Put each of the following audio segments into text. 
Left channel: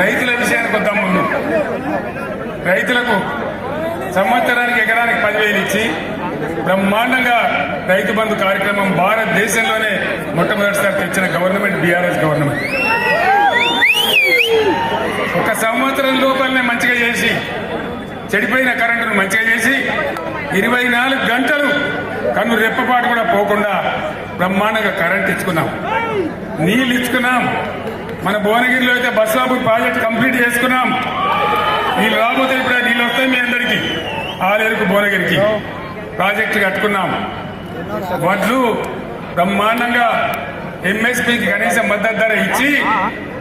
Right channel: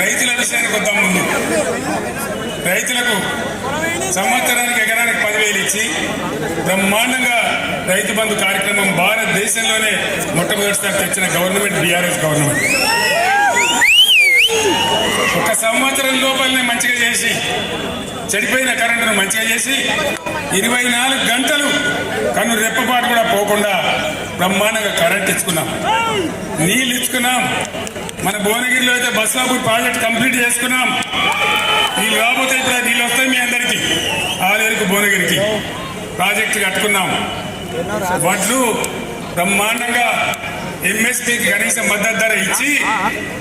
రైతుల విషయానికి వద్దాం. ముందు రైతులకు సంవత్సరానికి ఎకరానికి 10,000 ఇచ్చి బ్రహ్మాండంగా రైతు బంధు కార్యక్రమం భారతదేశంలోనే మొట్టమొదటిసారి తెచ్చిన గవర్నమెంట్ బీఆర్ఎస్ గవర్నమెంట్. ఒక సంవత్సరం లోపలనే మంచిగా చేసి చెడిపోయిన కరెంటును మంచిగా చేసి 24 గంటలు కన్ను రెప్పపాటు కూడా పోకుండా బ్రహ్మాండంగా కరెంట్ ఇచ్చుకున్నాం, నీళ్ళు ఇచ్చుకున్నాం. మన భువనగిరిలో అయితే బస్వాపూర్ ప్రాజెక్ట్ కంప్లీట్ చేసుకున్నాం. నీళ్ళు రాబోతే ఇప్పుడు నీళ్ళు వస్తాయి మీ అందరికీ. ఆలేరుకు భువనగిరికి ప్రాజెక్టు కట్టుకున్నాం. వడ్లు బ్రహ్మాండంగా ఎంఎస్పీకి కనీస మద్దతు ధర ఇచ్చి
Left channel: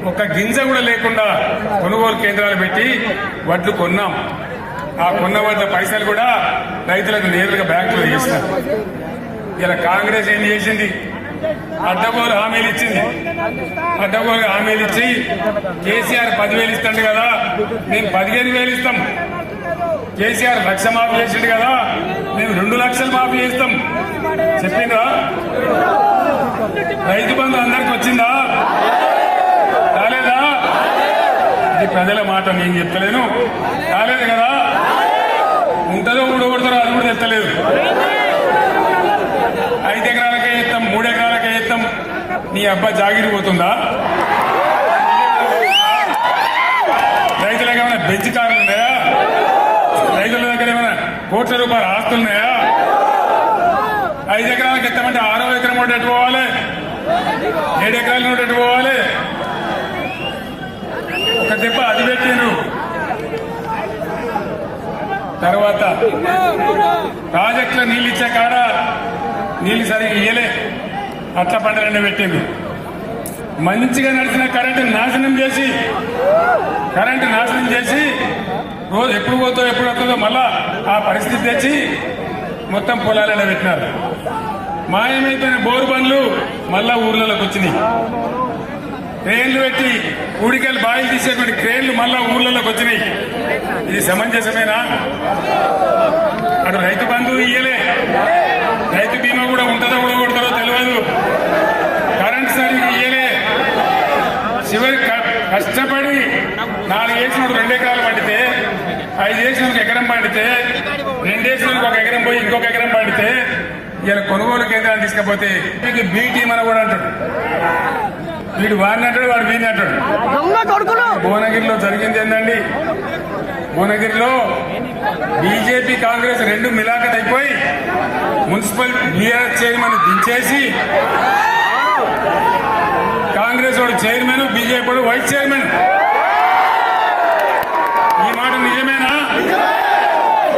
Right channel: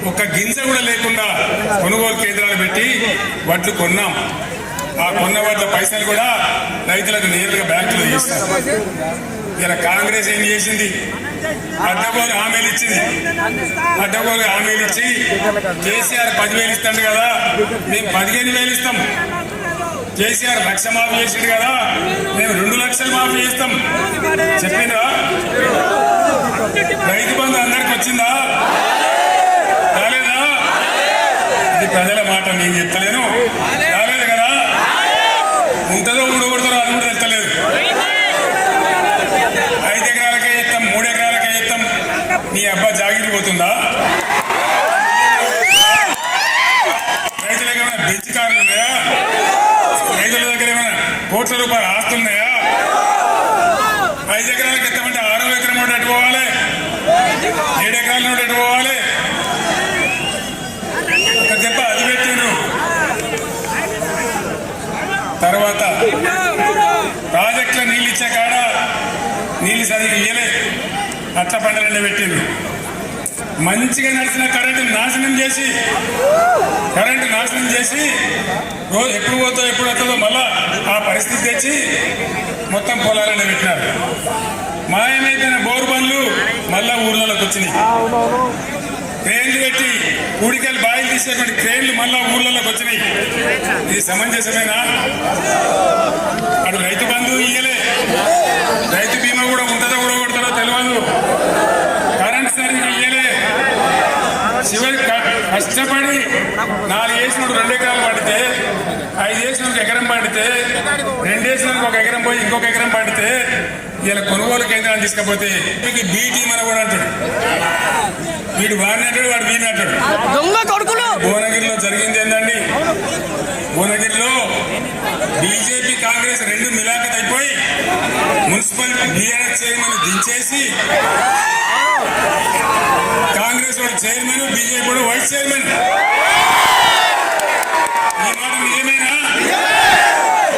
ఒక గింజ కూడా లేకుండా కొనుగోలు కేంద్రాలు పెట్టి వడ్లు కొన్నాం. ఆ కొన్న వడ్ల పైసలు కూడా రైతులకు నేరుగా బ్యాంకులో వేస్తాం. ఇలా కాంగ్రెస్ ఏం చేసింది? అడ్డగోలు హామీలు ఇచ్చింది. అడ్డగోలు హామీలు ఇచ్చి కేసీఆర్ 10,000 ఇస్తాడు కదా, మేము 15,000 ఇస్తాం. కేసీఆర్ 1,00,000 మాఫీ చేసిండు కదా, మేము 2 లక్షలు మాఫీ చేస్తాం చెప్పిందా? రైతు బంధు అందరికి వచ్చిందా? కాలేదా? ఇది ప్రజల మాట, నేను చెప్తలేను. కాలేదు కదా, ఇంతలో ఉండకూడదు, అది కూడా తెచ్చలేదు. 5 ఎకరాలకే ఇస్తాం, 3 ఎకరాలకే ఇస్తాం. నీ అబ్బా జాగిరి పోతుందా? రైతులకు ఏమైనా బెంచ్ కార్లు ఉన్నాయా? రైతుల దగ్గర ఏమైనా కోట్ల రూపాయల ఆస్తులు ఉన్నాయా? 5 ఎకరాలకు ఎత్తామంటే 6వ ఎకరం నోటి ఎటు పోవాలి? 7 ఎకరాల నోటి ఎటు పోవాలి? ఒక దెబ్బ అది పెట్టిండ్రు. తర్వాత ప్రాజెక్టులో నీళ్ళు ఇచ్చే కాడ నీళ్ళు సరిగ్గా ఇయ్యలే, అట్ల పంటలన్నీ పెట్టిండ్రు. మంచిగా నడిచిన కరెంటు నాశనం చేసి రోజు ఎప్పుడు పోతో ఎప్పుడు వస్తుందో మళ్ళా ఆ పరిస్థితి తెచ్చి మొత్తం పొలాలనే పెట్టినారు. మాయమైపోయిన బోరు బండ్లు మళ్ళా ఊర్లలోకి వచ్చినాయి. క్రేన్లు పెట్టి కూడికలు బాయిలు తీసేటువంటి క్రేన్లు మళ్ళా ఊర్లలోకి వచ్చినాయి. ఇది సమంజసమేనా? అటు రైతు బంధు ఇయ్యలే, రైతు బీమా కూడా ఉంటుందో కూడా కొడతారో తెలియదు, కరెంట్ సరిగ్గా ఇయ్యలే. చివరి కష్టపడి 4 వేసినప్పుడు 2 ఎకరాలు పండితే, 5 వేసినందుకు ఎకరం పండితే, 2 వేసినందుకు 1 ఎకరం పోయి ఇంకొక ఎకరం పండితే ఇలా కొనుగోలు కేంద్రాలు తీసుకపోతే బీ టీం అని కూడా అంటాడు. వీడు వాడిని అంటాడు, వాడు వీని అంటాడు. భువనగిరిలో జరిగింది ఏంటండి? భువనగిరిలో బీజేపీ కాంగ్రెస్ 2 మిలాఖత్ అయిపోయి మున్సిపల్ బీఆర్ఎస్ చైర్మన్ దించేసి కాంగ్రెస్ వాడు చైర్మన్, బీజేపీ వాడు వైస్ చైర్మన్. ఈ మాట నిజమేనా?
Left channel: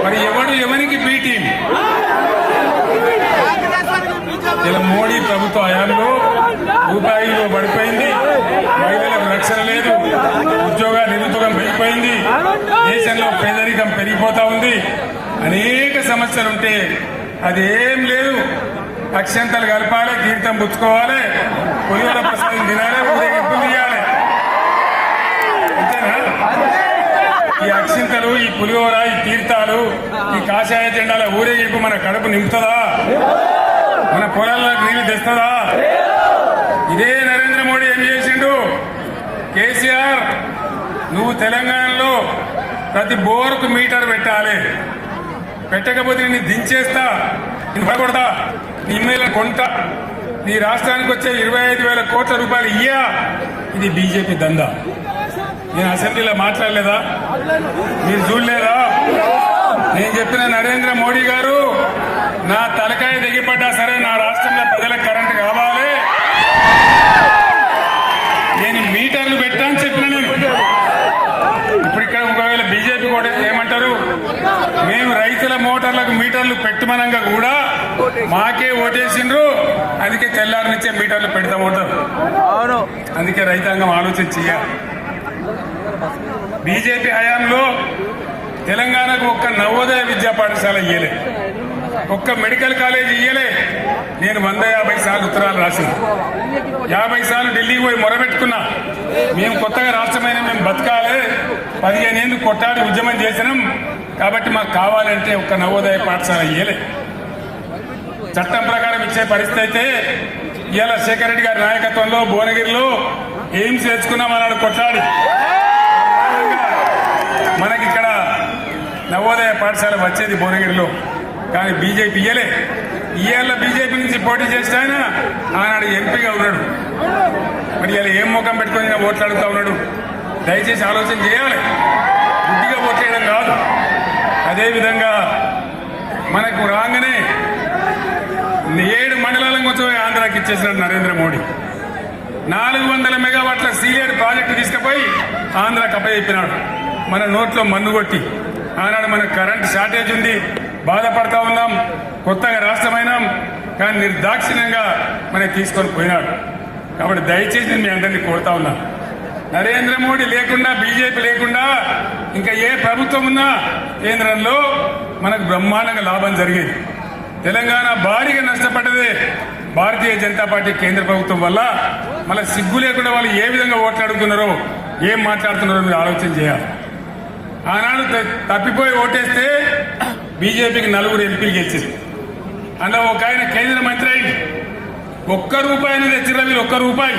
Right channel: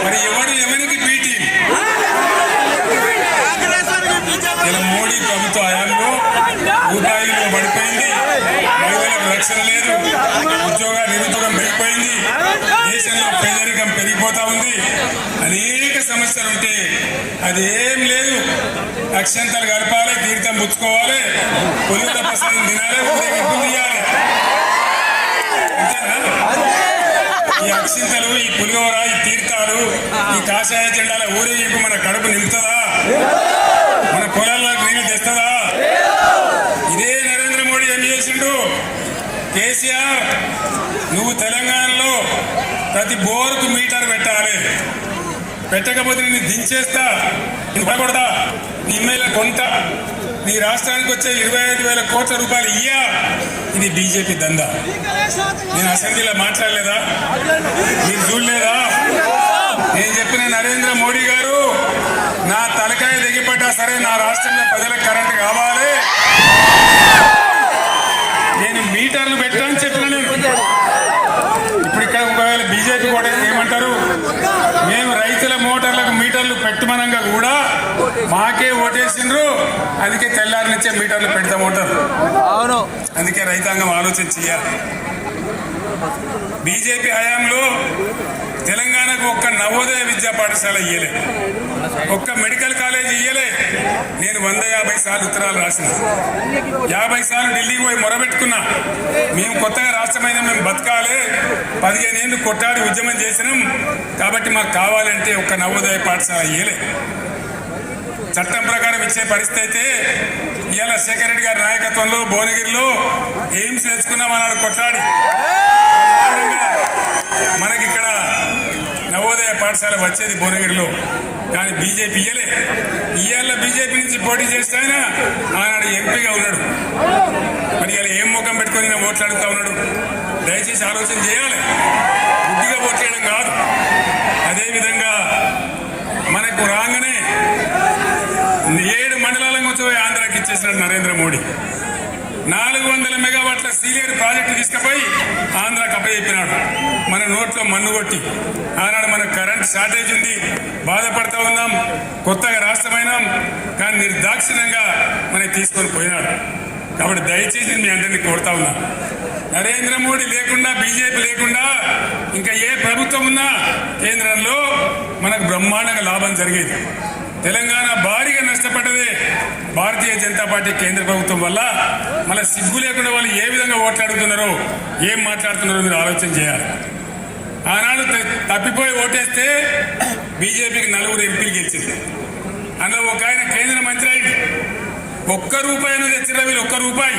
మరి ఎవడు ఎవరికి బీ టీం? ఇలా మోడీ ప్రభుత్వ హయాంలో రూపాయిలో పడిపోయింది, మహిళలకు రక్షణ లేదు, నిరుద్యోగం పెరిగిపోయింది, దేశంలో పేదరికం పెరిగిపోతా ఉంది, అనేక సమస్యలు ఉంటే అదేం లేదు. అక్షంతలు కలపాలి, కీర్తం పుచ్చుకోవాలి, పులిహోర ప్రసాదం తినాలి, ఊరేగింపు తీయాలి. అంతేనా? ఈ అక్షింతలు, ఈ పులిహోర, ఈ తీర్థాలు, ఈ కాషాయ జెండాల ఊరేగింపు మన కడుపు నింపుతుందా? మన పొలాలకు నీళ్ళు తెస్తుందా? ఇదే నరేంద్ర మోడీ ఏం చేసిండు? కేసీఆర్, నువ్వు తెలంగాణలో ప్రతి బోర్కు మీటర్ పెట్టాలి, పెట్టకపోతే నేను దించేస్తా, కొడతా, నీ ఇమ్మేల కొంట, నీ రాష్ట్రానికి వచ్చే 25,000 కోట్ల రూపాయలు ఇయ్యా. ఇది బీజేపీ దందా. నేను అసెంబ్లీలో మాట్లాడలేదా? నేను చూడలేదా? నేను చెప్పిన నరేంద్ర మోడీ గారు, నా తలకాయ దిగిపడ్డా సరే నా రాష్ట్రంలో ప్రజలకు కరెంటు కావాలి, నేను మీటర్లు పెట్టాను చెప్పిన. ఇప్పుడు ఇక్కడ ఒకవేళ బీజేపీ కూడా ఏమంటారు? మేము రైతుల మోటార్లకు మీటర్లు పెట్టమనంగా కూడా మాకే ఓటేసిండ్రు, అందుకే తెల్లారి నుంచే మీటర్లు పెడతామంటారు. అందుకే రైతాంగం ఆలోచన చేయాలి. బీజేపీ హయాంలో తెలంగాణకు ఒక్క నవోదయ విద్యా పాఠశాల ఇయ్యలే, ఒక్క మెడికల్ కాలేజ్ ఇయ్యలే. నేను 150 సార్లు ఉత్తరాలు రాసిన, 50 సార్లు ఢిల్లీకి పోయి మొరబెట్టుకున్నా. మేము కొత్తగా రాష్ట్రమైన మేము బతకాలి, 15 ఏళ్ళు కొట్టాడి ఉద్యమం చేసినాం కాబట్టి మాకు కావాలంటే ఒక్క నవోదయ పాఠశాల ఇయ్యలే. చట్టం ప్రకారం ఇచ్చే పరిస్థితి అయితే ఇవాళ శేఖర్ రెడ్డి గారి నాయకత్వంలో భువనగిరిలో ఎయిమ్స్ వేసుకున్నామన్నాడు కొట్లాడి. పాఠశాల వచ్చేది భువనగిరిలో. కానీ బీజేపీ ఇయ్యాల బీజేపీ నుంచి పోటీ చేస్తే ఆయన ఆనాడు ఎంపీగా ఉన్నాడు. మరి ఇలా ఏం ముఖం పెట్టుకొని ఓట్లు అడుగుతా ఉన్నాడు? దయచేసి ఆలోచన చేయాలి, బుద్ధిగా ఓట్లేయడం కాదు. అదేవిధంగా మనకు రాగానే 7 మండలాల మొత్తం ఆంధ్రాకి ఇచ్చేసినాడు నరేంద్ర మోడీ. 400 మెగావాట్ల సీలియర్ ప్రాజెక్టు తీసుకుపోయి ఆంధ్రాకి అప్పచెప్పినాడు. మన నోట్లో మన్ను కొట్టి ఆనాడు మనకు కరెంట్ షార్టేజ్ ఉంది, బాధపడతా ఉన్నాం, కొత్తగా రాష్ట్రమైనాం. కానీ నిర్దాక్షిణ్యంగా మనకి తీసుకొని పోయినాడు. కాబట్టి దయచేసి మీ అందరినీ కోరుతా ఉన్నా, నరేంద్ర మోడీ లేకుండా, బీజేపీ లేకుండా ఇంకా ఏ ప్రభుత్వం ఉన్నా కేంద్రంలో మనకు బ్రహ్మాండంగా లాభం జరిగేది. తెలంగాణ భారీగా నష్టపడ్డదే భారతీయ జనతా పార్టీ కేంద్ర ప్రభుత్వం వల్ల. మన సిగ్గు లేకుండా వాళ్ళు ఏ విధంగా ఓట్లాడుతున్నారో, ఏం మాట్లాడుతున్నారో మీరు ఆలోచన చేయాలి. ఆనాడు తప్పిపోయి ఓటేస్తే బీజేపీకి 4 ఎంపీలు గెలిచింది. అందులో ఒక ఆయన కేంద్ర మంత్రి అయింది. ₹1 అనేది తెచ్చిరా మీరు? ₹1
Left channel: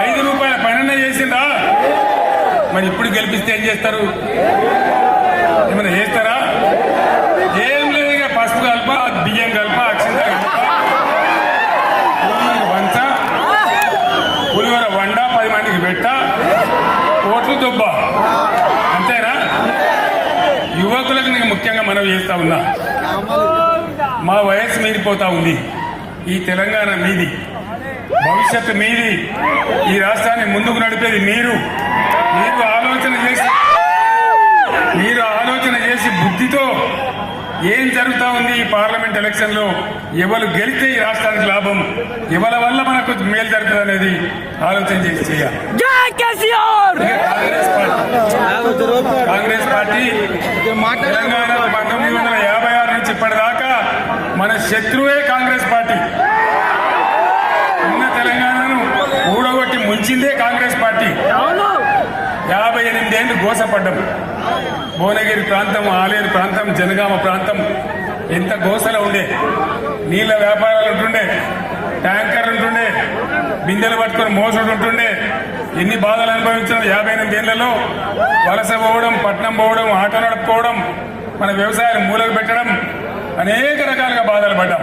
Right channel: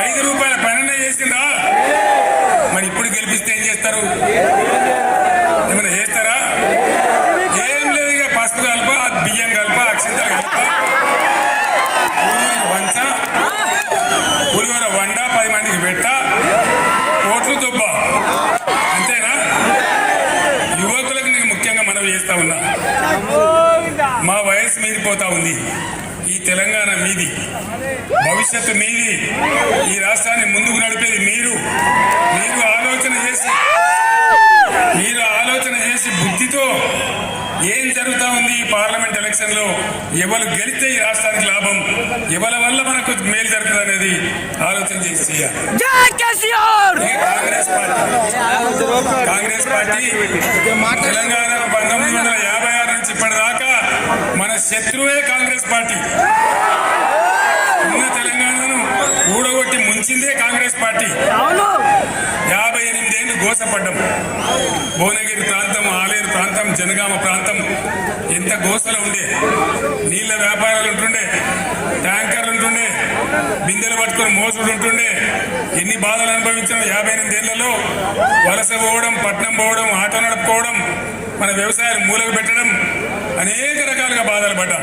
₹5 పైన చేసిందా? మరి ఇప్పుడు గెలిపిస్తే ఏం చేస్తారు? ఏమైనా చేస్తారా? ఏం లేదు. ఇక పసుపు కలప, బియ్యం కలప, అక్షంత కలప, పులిహోర వండ, 10 మందికి పెట్ట, ఓట్లు దొబ్బ, అంతేనా? యువకులకు నేను ముఖ్యంగా మనవి చేస్తా ఉన్నా, మా వయసు మీరిపోతా ఉంది. ఈ తెలంగాణ మీది, భవిష్యత్తు మీది. ఈ రాష్ట్రాన్ని ముందుకు నడిపేది మీరు. ఆలోచన చేసి బుద్ధితో ఏం జరుగుతా ఉంది ఈ పార్లమెంట్ ఎలక్షన్ లో, ఎవరు గెలిస్తే ఈ రాష్ట్రానికి లాభం, ఎవరి వల్ల మనకు మేలు జరుగుతుంది అనేది ఆలోచన చేసి చేయాలి. కాంగ్రెస్ పార్టీ తెలంగాణలో 1956 నుంచి ఇప్పటిదాకా మన శత్రువే కాంగ్రెస్ పార్టీ. ఉన్న తెలంగాణను ఊడగొట్టి ముంచిందే కాంగ్రెస్ పార్టీ. 58 ఏళ్ళు గోసపడ్డం. భువనగిరి ప్రాంతం, ఆలేరు ప్రాంతం, జనగామ ప్రాంతం ఎంత గోసలో ఉండే. నీళ్ల వ్యాపారాలు ఉంటుండే, ట్యాంకర్లు ఉంటుండే, బిందెలు పట్టుకొని మోసడు ఉంటుండే. ఎన్ని బాధలు అనుభవించాం 58 ఏళ్లలో. వలస పోవడం, పట్నం పోవడం, ఆటో నడుపుకోవడం, మన వ్యవసాయాలు మూలకు పెట్టడం, అనేక రకాలుగా బాధలు పడ్డాం.